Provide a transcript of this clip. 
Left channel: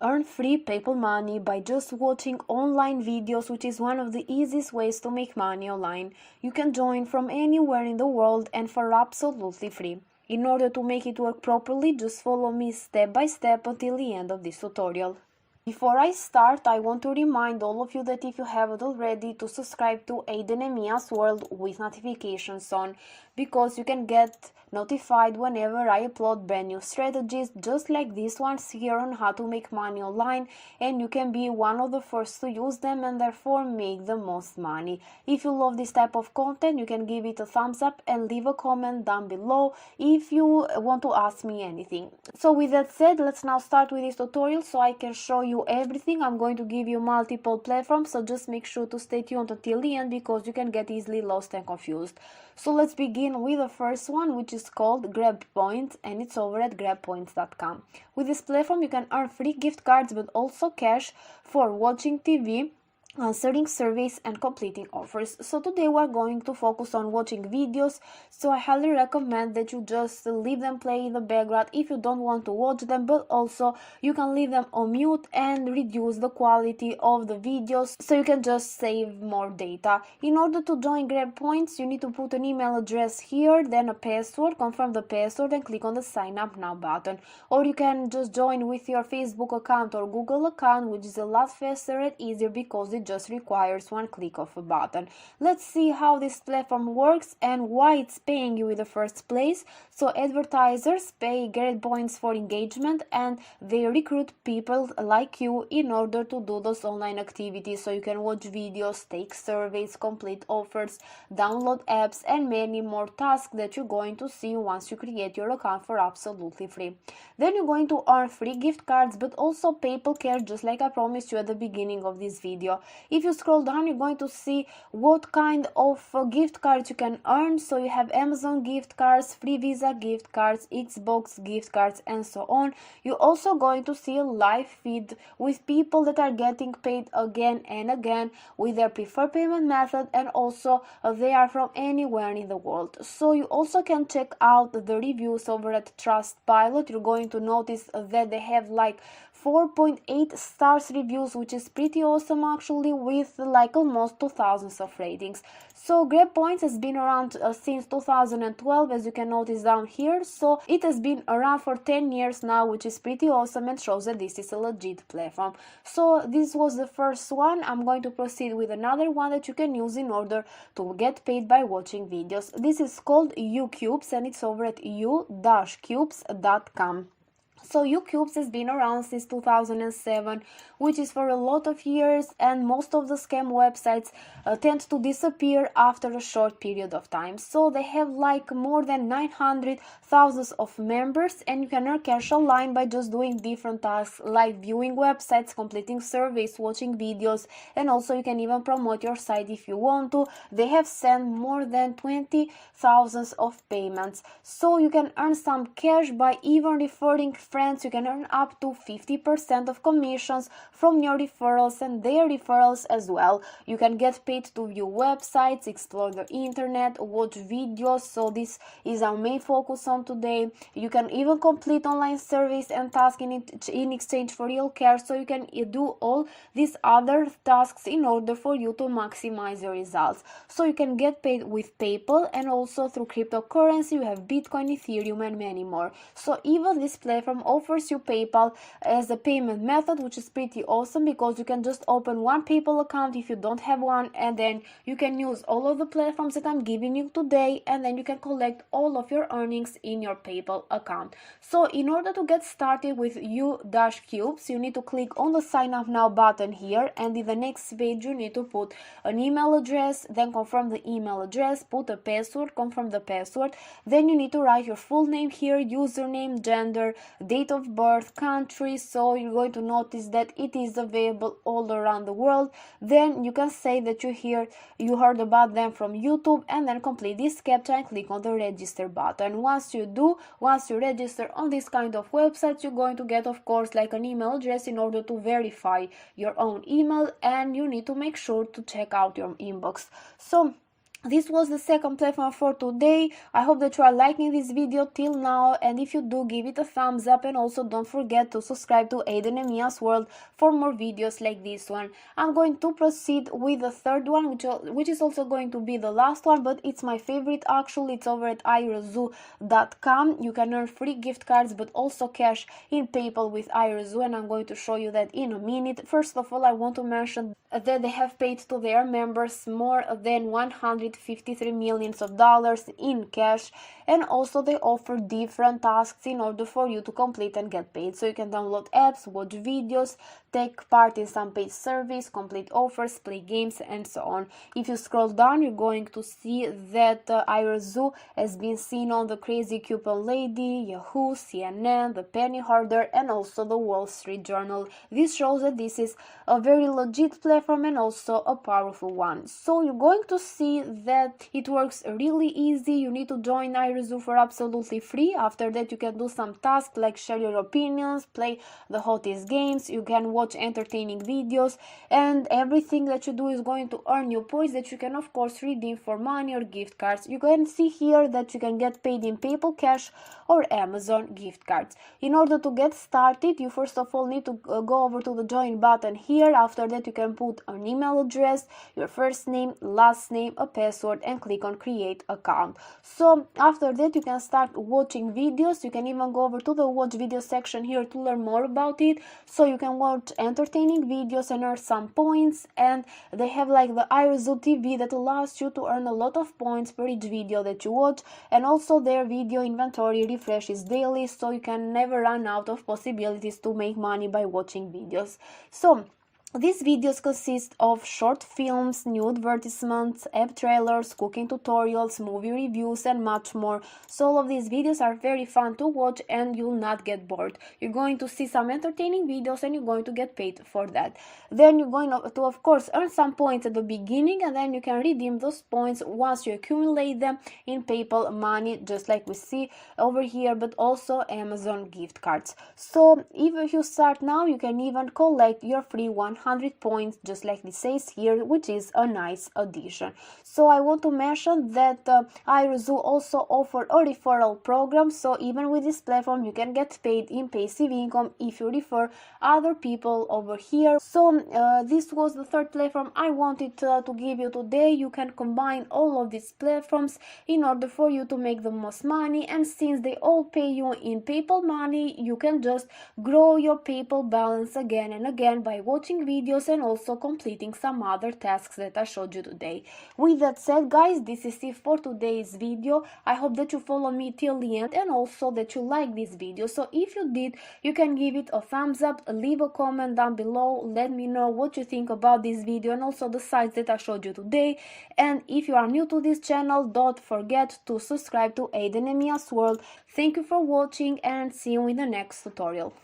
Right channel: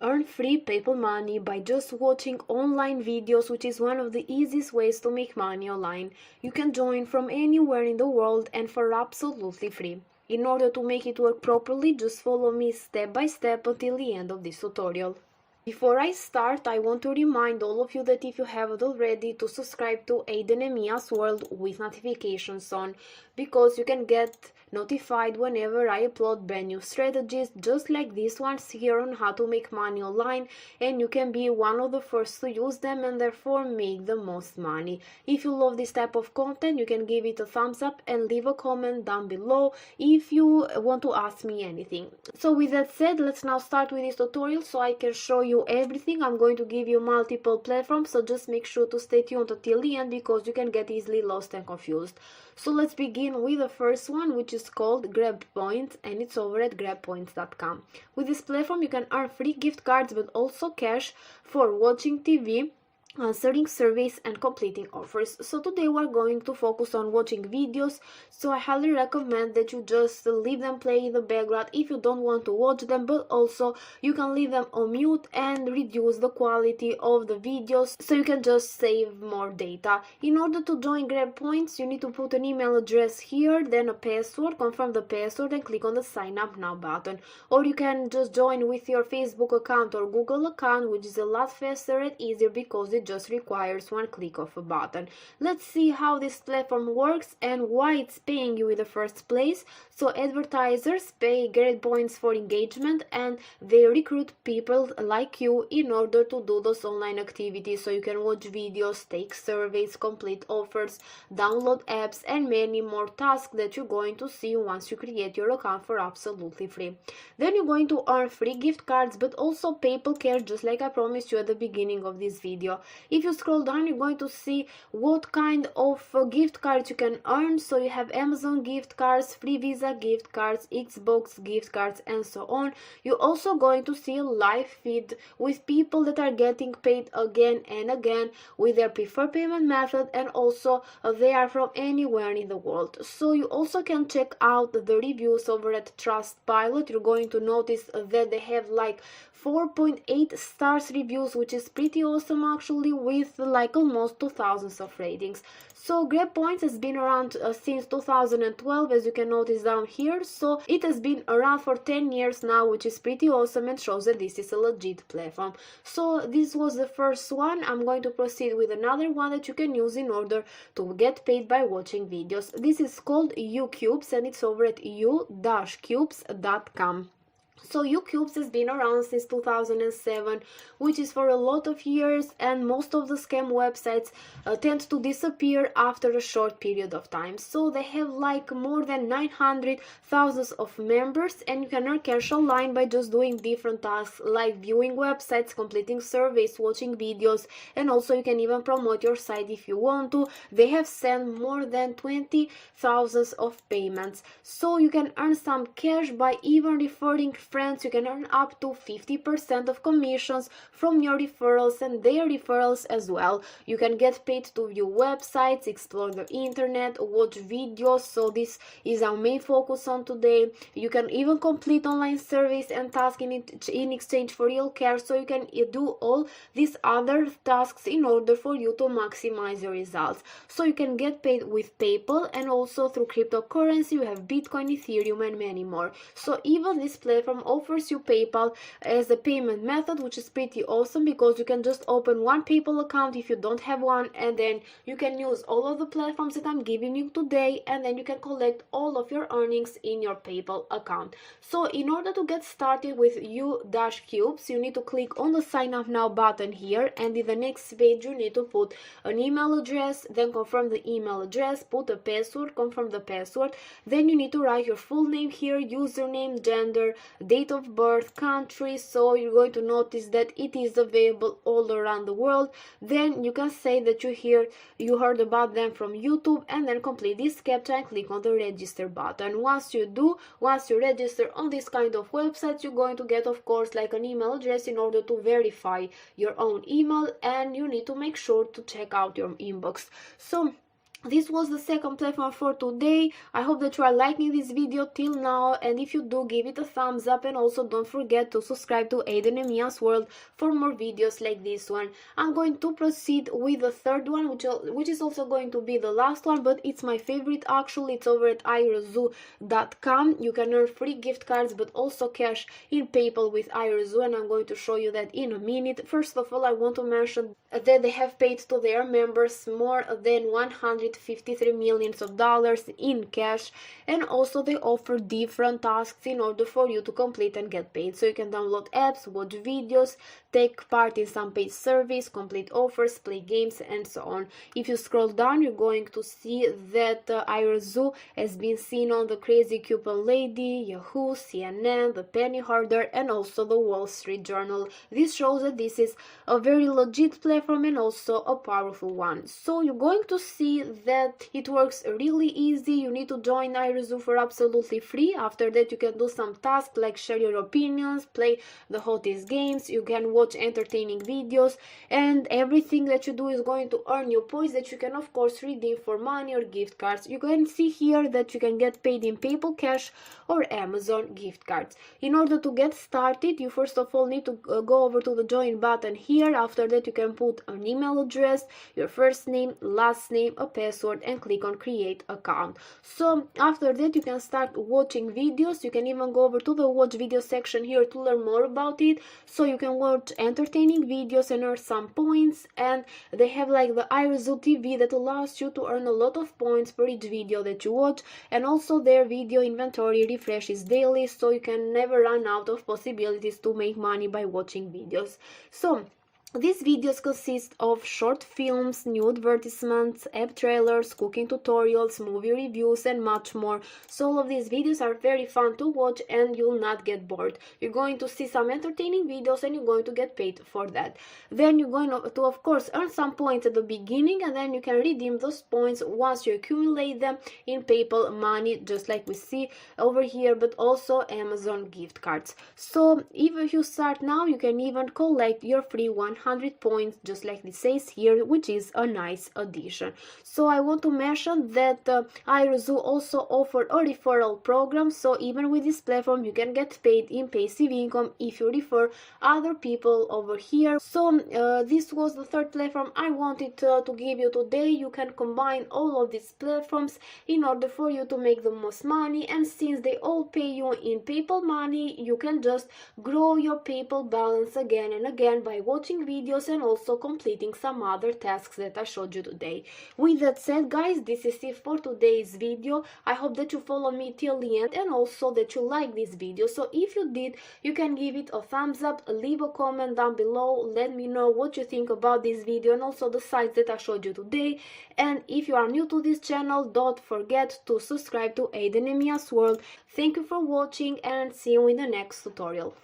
Earn free PayPal money by just watching online videos, which is one of the easiest ways to make money online. You can join from anywhere in the world and for absolutely free. In order to make it work properly, just follow me step by step until the end of this tutorial. Before I start, I want to remind all of you that if you haven't already, to subscribe to Aiden and Mia's World with notifications on, because you can get notified whenever I upload brand new strategies just like these ones here on how to make money online, and you can be one of the first to use them and therefore make the most money. If you love this type of content, you can give it a thumbs up and leave a comment down below if you want to ask me anything. So with that said, let's now start with this tutorial so I can show you everything. I'm going to give you multiple platforms, so just make sure to stay tuned until the end because you can get easily lost and confused. So let's begin with the first one, which is called Grab Points, and it's over at grabpoints.com. With this platform you can earn free gift cards but also cash for watching TV, answering surveys and completing offers. So today we're going to focus on watching videos, so I highly recommend that you just leave them play in the background if you don't want to watch them, but also you can leave them on mute and reduce the quality of the videos so you can just save more data. In order to join Grab Points, you need to put an email address here, then a password, confirm the password and click on the sign up now button. Or you can just join with your Facebook account or Google account, which is a lot faster and easier because it just requires one click of a button. Let's see how this platform works and why it's paying you in the first place. So advertisers pay Grab Points for engagement and they recruit people like you in order to do those online activities, so you can watch videos, take surveys, complete offers, download apps and many more tasks that you're going to see once you create your account for absolutely free. Then you're going to earn free gift cards but also PayPal cash, just like I promised you at the beginning of this video. If you scroll down, you're going to see what kind of gift cards you can earn. So you have Amazon gift cards, free Visa gift cards, Xbox gift cards and so on. You're also going to see a live feed with people that are getting paid again and again with their preferred payment method, and also they are from anywhere in the world. So you also can check out the reviews over at Trustpilot. You're going to notice that they have like 4.8 stars reviews, which is pretty awesome actually, with like almost 2000 of ratings. So Grab Points has been around since 2012, as you can notice down here. So it has been around for 10 years now, which is pretty awesome and shows that this is a legit platform. So this was the first one. I'm going to proceed with another one that you can use in order to get paid by watching videos. This is called You-Cubez and it's over at you-cubez.com. So You-Cubez has been around since 2007, which is for a lot of years, and most of the scam websites tend to disappear after a short period of time. So they have like more than 900,000 of members, and you can earn cash online by just doing different tasks like viewing websites, completing surveys, watching videos, and also you can even promote your site if you want to. They have sent more than 20,000 of payments, so you can earn some cash by even referring friends. You can earn up to 50% of commissions from your referrals and their referrals as well. You can get paid to view websites, explore the internet, watch videos, so this is our main focus on today. You can even complete online surveys and tasks in exchange for real cash, so you can do all these other tasks in order for you to maximize your results. So you can get paid with PayPal and also through cryptocurrency. You have Bitcoin, Ethereum and many more. So even this platform offers you PayPal as a payment method, which is pretty awesome because you can just open one PayPal account if you don't have one, and then you can use all of the platforms that I'm giving you today, and then you can collect all of your earnings in your PayPal account. So in order to get started with You-Cubez, you need to click on the sign up now button here, and in the next page you need to put an email address, then confirm the email address, put a password, confirm the password, then you need to write your full name here, username, gender, date of birth, country. So you're going to notice that it is available all around the world. Then you can say that you heard about them from YouTube, and then complete this captcha and click on the register button. Once you register on this kind of websites, you're going to get, of course, like an email address in order to verify your own email, and you need to make sure to check out your inbox. So this was the second platform for today. I hope that you are liking this video till now, and if you do, give it a thumbs up, and also don't forget to subscribe to Aiden and Mia's World for more videos like this one. I'm going to proceed with the third one, which is also going to be the last one, but it's my favorite actually. It's over at Irazoo.com. You can earn free gift cards but also cash in PayPal with Irazoo, and I'm going to show you that in a minute. First of all, I want to mention that they have paid to their members more than $153 million in cash, and also they offer different tasks in order for you to complete and get paid. So you can download apps, watch videos, take part in some paid service, complete offers, play games, and so on. If you scroll down, you're going to see that Irazoo has been seen on the Crazy Coupon Lady, Yahoo, CNN, the Penny Harder, and also the Wall Street Journal. This shows that this is a very legit platform and also a powerful one. So you're going to see that it works really easy. You need to join Irazoo for absolutely free. After that, you can do some tasks like share your opinions, play the hottest games, you can watch entertaining videos, and everything that you do is going to earn you points that you can of course redeem for money or gift cards. You can see here that you can get paid in PayPal cash or Amazon gift cards. In order to get started, you first of all need to go over to the join button here. After that, you can put an email address, your first name, last name, a password, and click on create account. So after that, you can start watching videos. You can even go over to the watch video section here to learn more about it. So you can watch entertaining videos and earn some points, and they have like the Irazoo TV that allows you to earn a lot of points per each video that you watch, and also their video inventory refreshes daily, so you can never run out of possibilities to make money by watching videos. So these videos consist of short films, new advertisements, app trailers, cooking tutorials, movie reviews, and much more. So all of these videos are very fun to watch and you'll not get bored. You're going to see some entertaining videos and you're going to get paid for that. Then you're going to, of course, earn some points at the beginning, and then you can redeem those points once you accumulate them in PayPal money, just like we see over here, but also Amazon gift cards. So if you start now, you can even collect your free 100 points, just like it says here, which is a nice addition. So I want to mention that Irazoo also offer a referral program, so even with this platform you can get paid in passive income if you refer other people over here. So this was the third platform I wanted to give you today. You can combine all of these platforms in order for you to make the most money, and since they all pay you in PayPal money, you can just grow your PayPal balance again and again by watching videos and also completing some other tasks that I showed you today. With that said, guys, this is it for today's video. I hope that you follow me till the end and also that you like this video. So if you did, you can give it a thumbs up, leave a comment down below, let me know what you think about this video and also the sites that I showed you today. And if you are new to this channel, don't forget to subscribe to Aiden and Mia's World. Thank you for watching and see you in the next tutorial.